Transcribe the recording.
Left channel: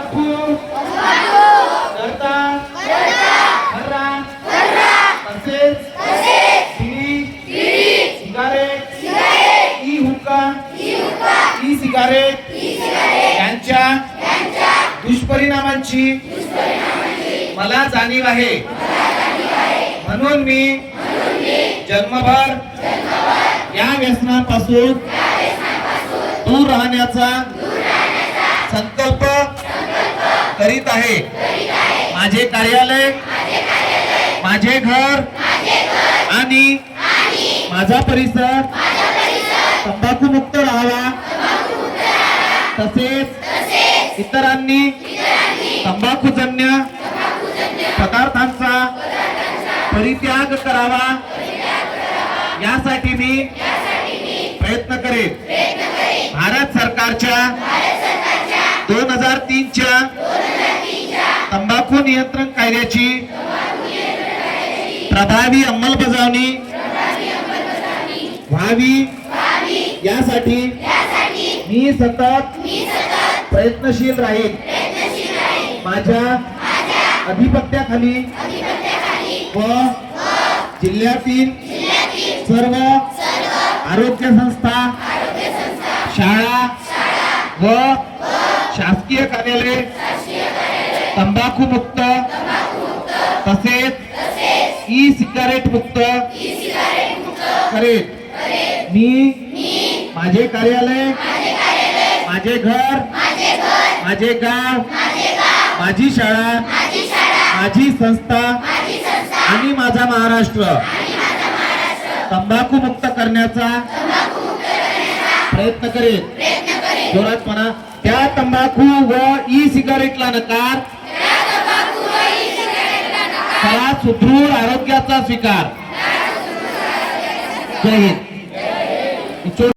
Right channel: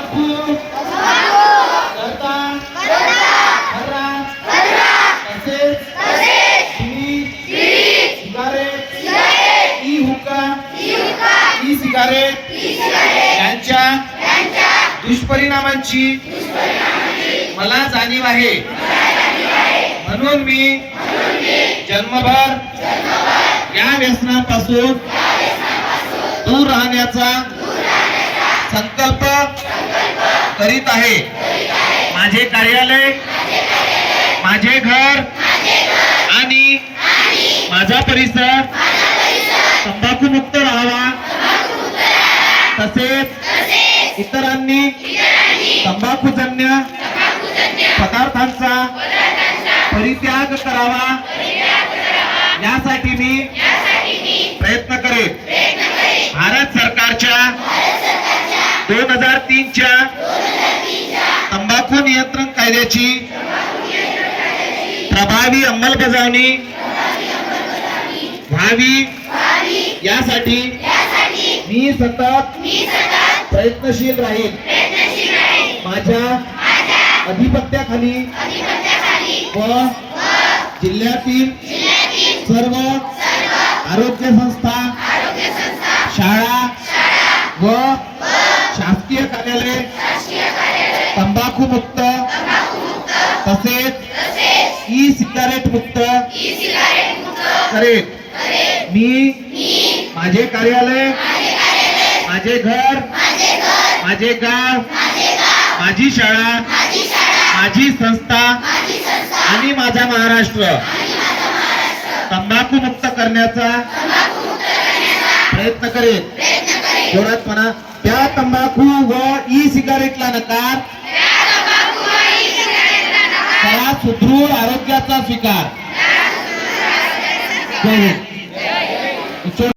करता खर्रा तसेच cigarette E हुक्का ई सिगारेट यांच्या दुष्परिणामांची मला जाणीव आहे। म्हणून मी जन्मभर या व्यसनापासून दूर राहण्याचा संकल्प करीत आहे। माझे कार्यालय, माझे घर आणि माझा परिसर तंबाखू मुक्त राहावा, तसेच इतरांनी तंबाखूजन्य पदार्थांचा परित्याग करावा यासाठी मी प्रयत्न करेन। भारत सरकारच्या 2003 च्या तंबाखू नियंत्रण कायद्याची प्रभावी अंमलबजावणी व्हावी यासाठी मी सतत प्रयत्नशील राहील। माझ्या अधिपत्याखाली व जिल्ह्यातील सर्व आरोग्य संस्था, शाळा व शासकीय कार्यालय तंबाखू मुक्त तसेच ई सिगारेट मुक्त करेल। मी माझे कार्यालय, माझे घर, माझे गाव, माझी शाळा, माझी संस्था आणि माझा महाराष्ट्र तंबाखू मुक्त करण्याचा प्रयत्न करेल। जोरात म्हणा, त्या तंबाखू व ई सिगारेटला नकार, करा सुदृढ आरोग्याचा स्वीकार। जय हिंद।